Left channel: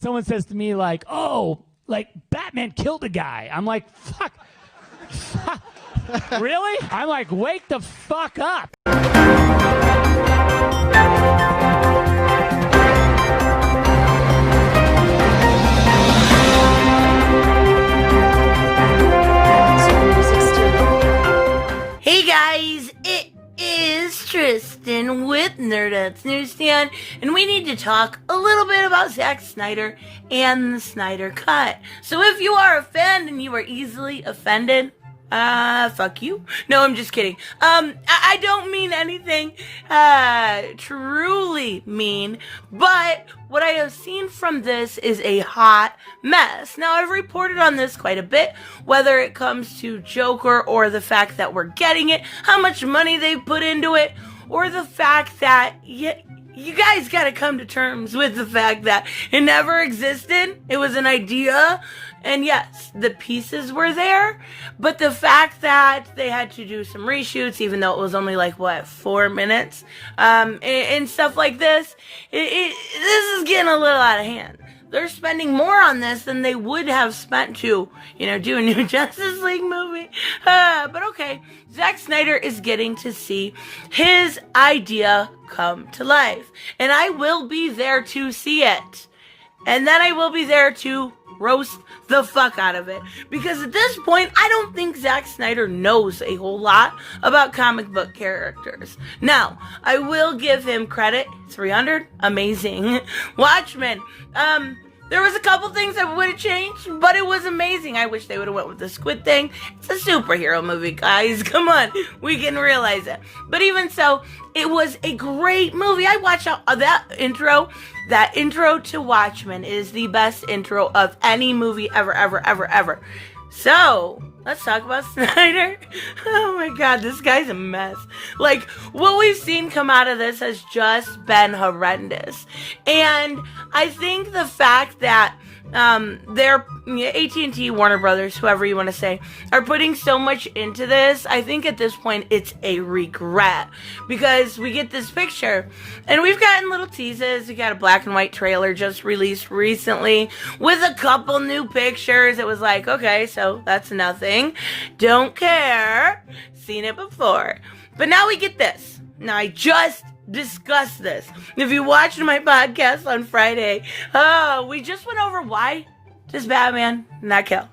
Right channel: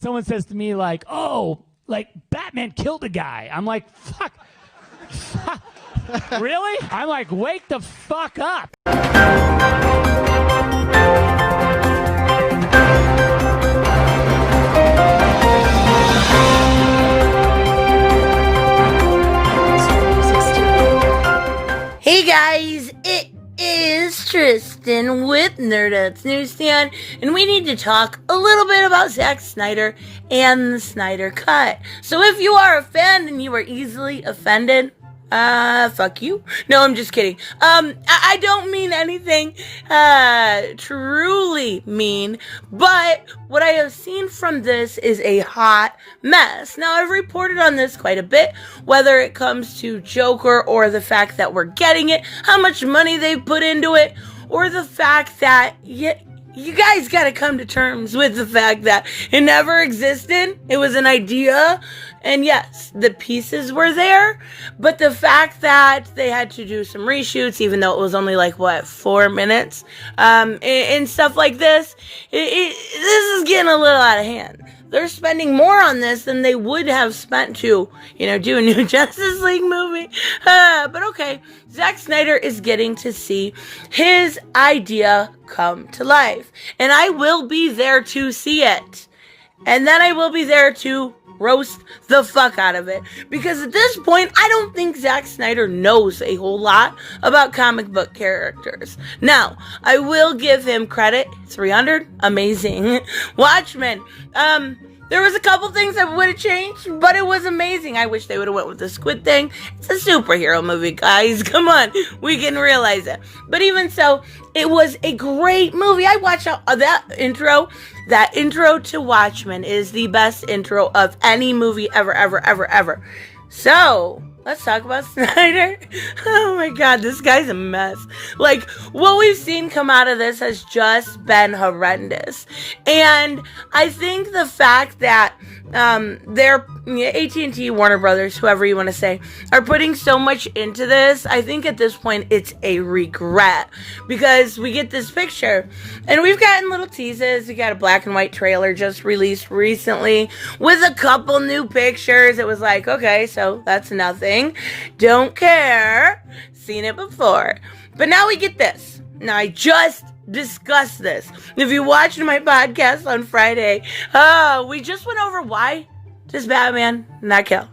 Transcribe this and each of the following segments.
Someone says to me like, oh, like Batman killed a guy. I'm like, fuck. Really? I'm like, wake the fuck up. Hey guys, it is Tristan with Nerdette's NewsStand, and we need to talk a little bit about Zack Snyder and the Snyder Cut. So if you are a fan and you are easily offended, fuck you. No, I'm just kidding. I don't mean anything, truly mean, but what I have seen from this is a hot mess. Now, I've reported on this quite a bit, whether it comes to Joker or the fact that we're getting it, how much money they put into it, or the fact that you guys gotta come to terms with the fact that it never existed. It was an idea. And yes, the pieces were there, but the fact that they had to do some reshoots, even though it was only 4 minutes, and stuff like this, this is getting a little out of hand. They're spending more on this than they would have spent to, do a new Justice League movie. But okay, Zack Snyder is getting to see his idea come to life. And I will be there to see it. And then I will be there to roast the fuck out of it. Because at this point, I don't think Zack Snyder knows a whole lot about comic book characters. Now, I will give him credit. 300, amazing. Watchmen, there was a couple things that would have changed, but it was amazing. I wish they would have went with the squid thing. It's a superhero movie, guys. Come on, we can realize it. But even so, it was a great movie. I watched that intro. That intro to Watchmen is the best intro of any movie ever, ever, ever, ever. So, let's talk about Snyder. Oh my god, this guy's a mess. What we've seen come out of this has just been horrendous. And I think the fact that they're AT&T, Warner Brothers, whoever you want to say, are putting so much into this, I think at this point it's a regret. Because we get this picture, and we've gotten little teases. We got a black and white trailer just released recently with a couple new pictures. It was like, okay, so that's nothing. Don't care. Seen it before. But now we get this. Now I just discussed this. If you watched my podcast on Friday, we just went over why does Batman not kill?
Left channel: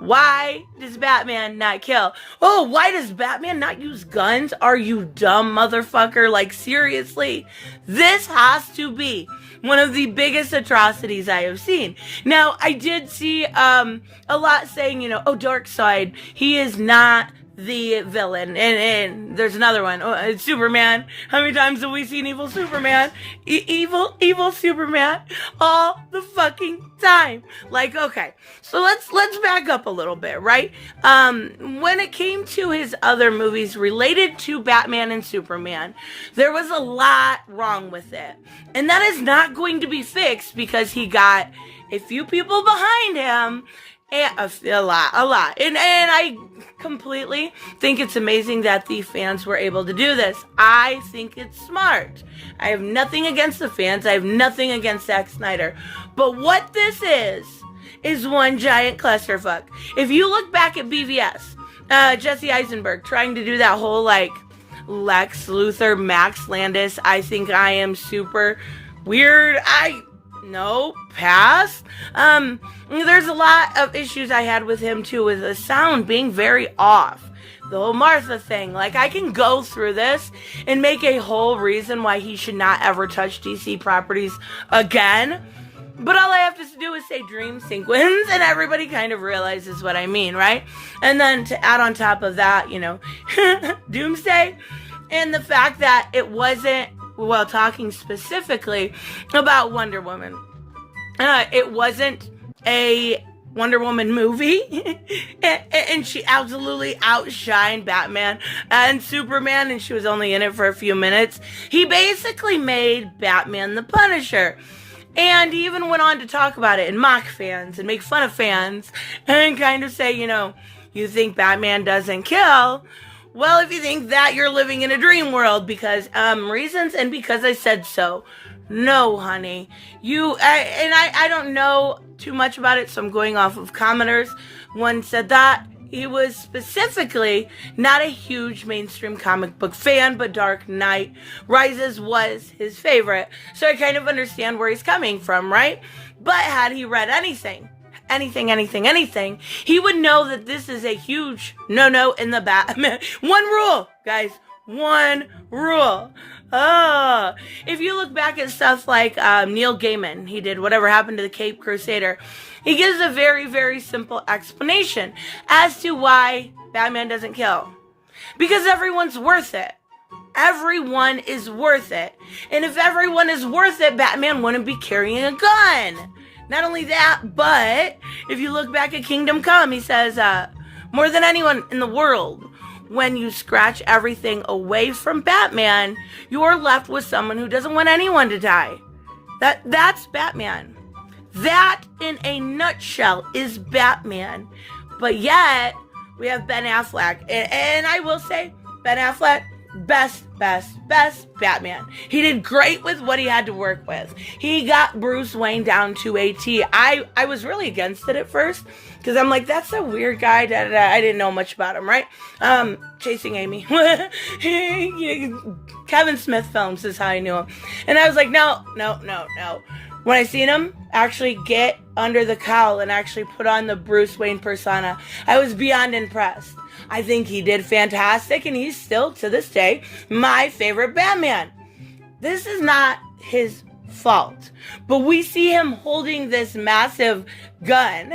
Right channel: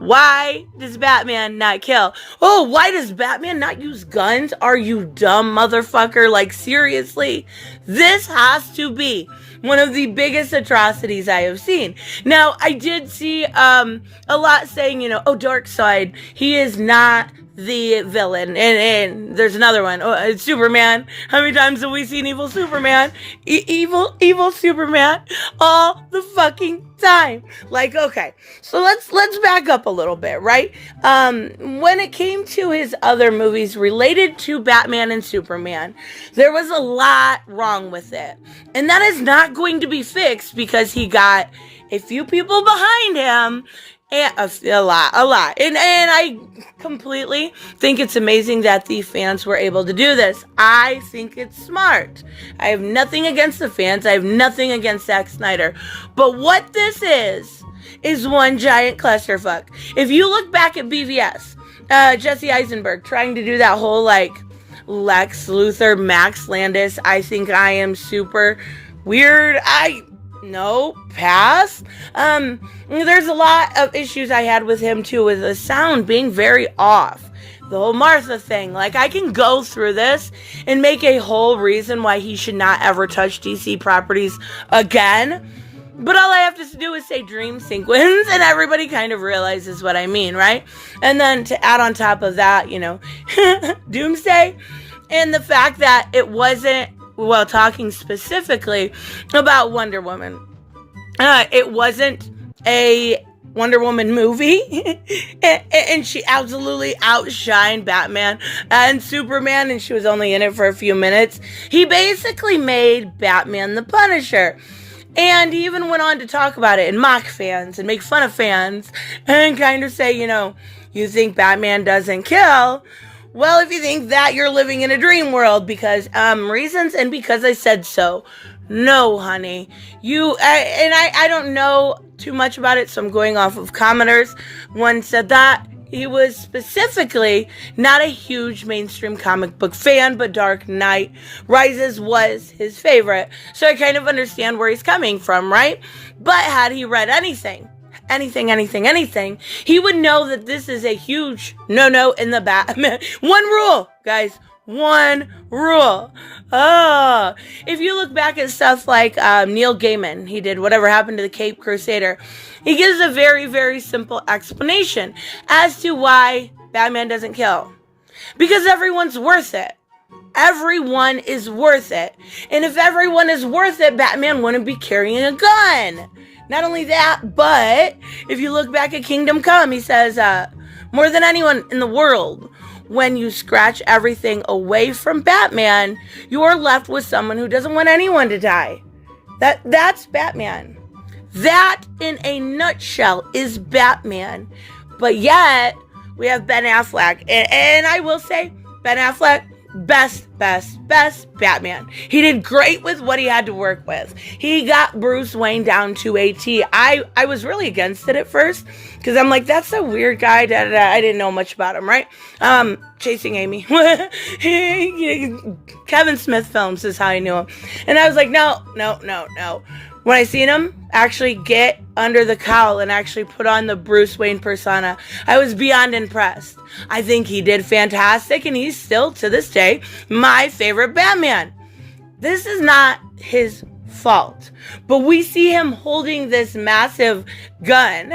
Why does Batman not kill? Oh, why does Batman not use guns? Are you dumb, motherfucker? Seriously? This has to be one of the biggest atrocities I have seen. Now, I did see a lot saying, Darkseid, he is not the villain. And there's another one. It's Superman. How many times have we seen evil Superman? Evil Superman all the fucking time. Okay. So let's back up a little bit, right? When it came to his other movies related to Batman and Superman, there was a lot wrong with it. And that is not going to be fixed because he got a few people behind him. And a lot. And I completely think it's amazing that the fans were able to do this. I think it's smart. I have nothing against the fans. I have nothing against Zack Snyder. But what this is one giant clusterfuck. If you look back at BVS, Jesse Eisenberg trying to do that whole Lex Luthor, Max Landis, I think I am super weird. No, pass. There's a lot of issues I had with him too, with the sound being very off. The whole Martha thing. I can go through this and make a whole reason why he should not ever touch DC properties again. But all I have to do is say dream sequence and everybody kind of realizes what I mean, right? And then to add on top of that, Doomsday, and the fact that it wasn't, well, talking specifically about Wonder Woman, it wasn't a Wonder Woman movie, and she absolutely outshined Batman and Superman, and she was only in it for a few minutes. He basically made Batman the Punisher. And he even went on to talk about it and mock fans and make fun of fans and kind of say, you think Batman doesn't kill? Well, if you think that, you're living in a dream world because reasons and because I said so. No, honey. I don't know too much about it, so I'm going off of commenters. One said that he was specifically not a huge mainstream comic book fan, but Dark Knight Rises was his favorite. So I kind of understand where he's coming from, right? But had he read anything, he would know that this is a huge no-no in the Batman. One rule, guys. One rule. If you look back at stuff like Neil Gaiman, he did Whatever Happened to the Cape Crusader. He gives a very, very simple explanation as to why Batman doesn't kill. Because everyone's worth it. Everyone is worth it. And if everyone is worth it, Batman wouldn't be carrying a gun. Not only that, but if you look back at Kingdom Come, he says, more than anyone in the world, when you scratch everything away from Batman, you're left with someone who doesn't want anyone to die. That's Batman. That, in a nutshell, is Batman. But yet, we have Ben Affleck. And I will say, Ben Affleck, best Batman. He did great with what he had to work with. He got Bruce Wayne down to a T. I was really against it at first, because I'm like, that's a weird guy. I didn't know much about him, right? Chasing Amy. Kevin Smith films is how I knew him. And I was like, no. When I seen him actually get under the cowl and actually put on the Bruce Wayne persona, I was beyond impressed. I think he did fantastic, and he's still, to this day, my favorite Batman. This is not his fault, but we see him holding this massive gun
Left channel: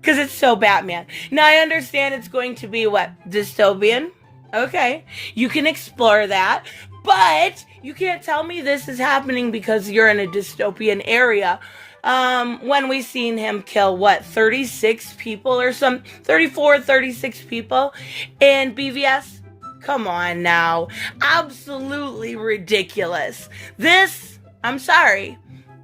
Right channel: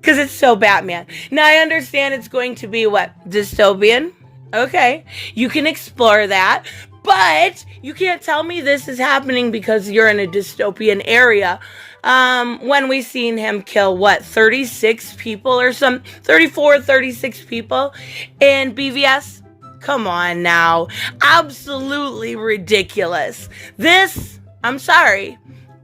because it's so Batman. Now, I understand it's going to be, dystopian? Okay, you can explore that. But you can't tell me this is happening because you're in a dystopian area. When we seen him kill, 36 people or 34, 36 people in BVS? Come on now. Absolutely ridiculous. This, I'm sorry,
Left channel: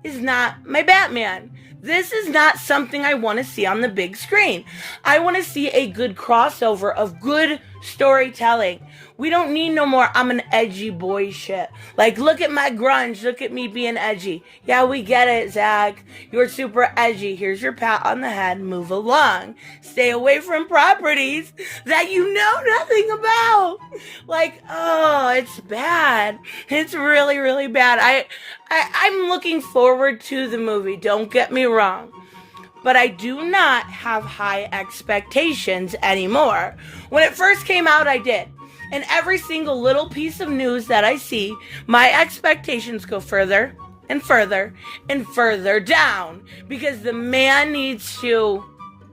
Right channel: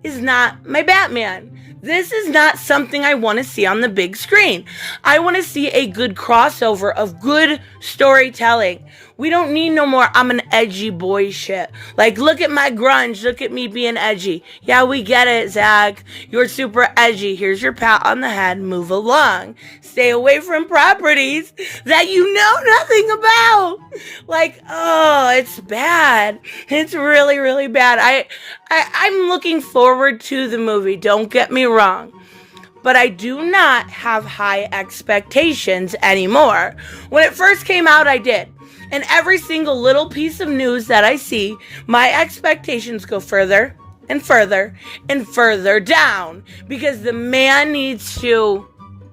is not my Batman. This is not something I want to see on the big screen. I want to see a good crossover of good storytelling. We don't need no more I'm an edgy boy shit. Like, look at my grunge. Look at me being edgy. Yeah, we get it, Zach. You're super edgy. Here's your pat on the head. Move along. Stay away from properties that you know nothing about. Like, oh, it's bad. It's really, really bad. I'm looking forward to the movie. Don't get me wrong. But I do not have high expectations anymore. When it first came out, I did. And every single little piece of news that I see, my expectations go further and further and further down. Because the man needs to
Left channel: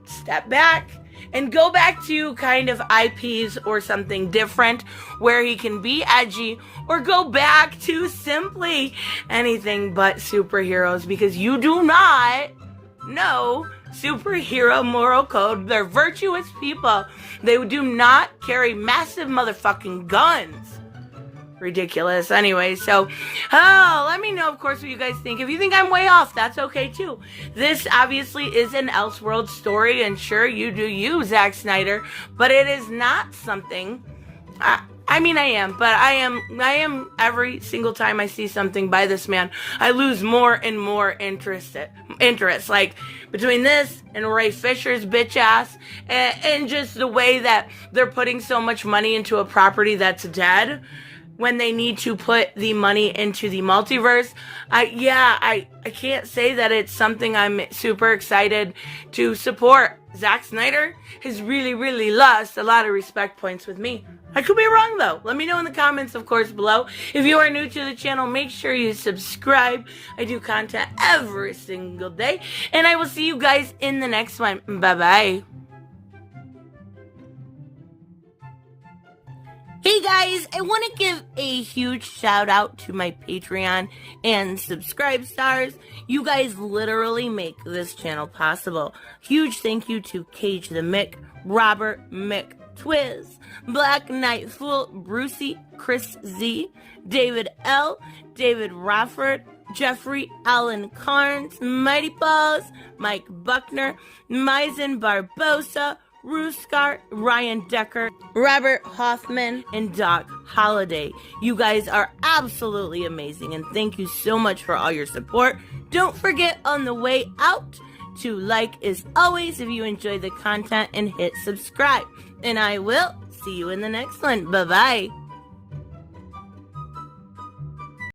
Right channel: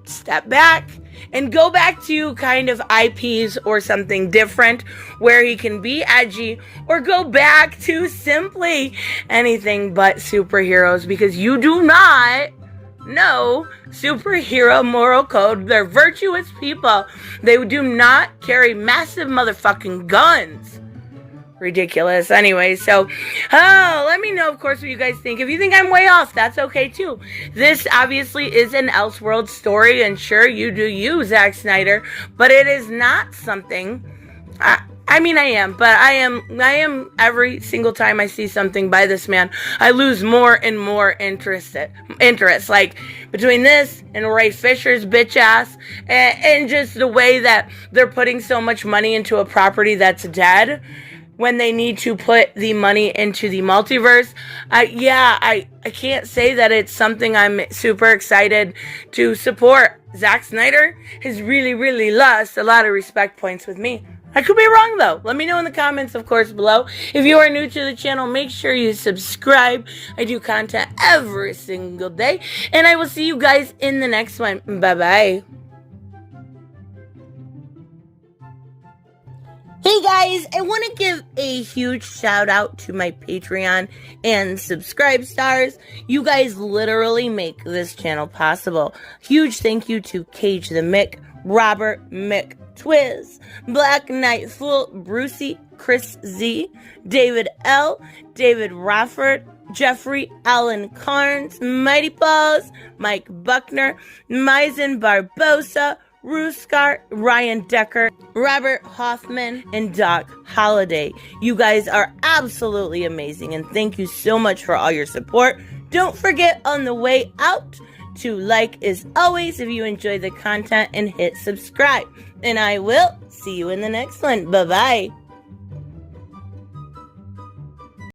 step back and go back to kind of IPs or something different where he can be edgy, or go back to simply anything but superheroes, because you do not know superhero moral code. They're virtuous people. They do not carry massive motherfucking guns. Ridiculous. Anyway, so, let me know, of course, what you guys think. If you think I'm way off, that's okay, too. This, obviously, is an Elseworld story, and sure, you do you, Zack Snyder, but it is not something... I am, but I am every single time I see something by this man, I lose more and more interest. Like, between this and Ray Fisher's bitch ass, and just the way that they're putting so much money into a property that's dead, when they need to put the money into the multiverse. I can't say that it's something I'm super excited to support. Zack Snyder has really, really lost a lot of respect points with me. I could be wrong, though. Let me know in the comments, of course, below. If you are new to the channel, make sure you subscribe. I do content every single day. And I will see you guys in the next one. Bye-bye. Hey guys, I want to give a huge shout out to my Patreon and subscribe stars. You guys literally make this channel possible. Huge thank you to Cage the Mick, Robert Mick Twiz, Black Knight Fool, Brucey, Chris Z, David L, David Rafford, Jeffrey Allen Carnes, Mighty Balls, Mike Buckner, Maizen Barbosa, Ruskart, Ryan Decker, Robert Hoffman, and Doc Holliday. You guys are absolutely amazing, and thank you so much for all your support. Don't forget on the way out to like as always if you enjoy the content and hit subscribe. And I will see you in the next one. Bye-bye.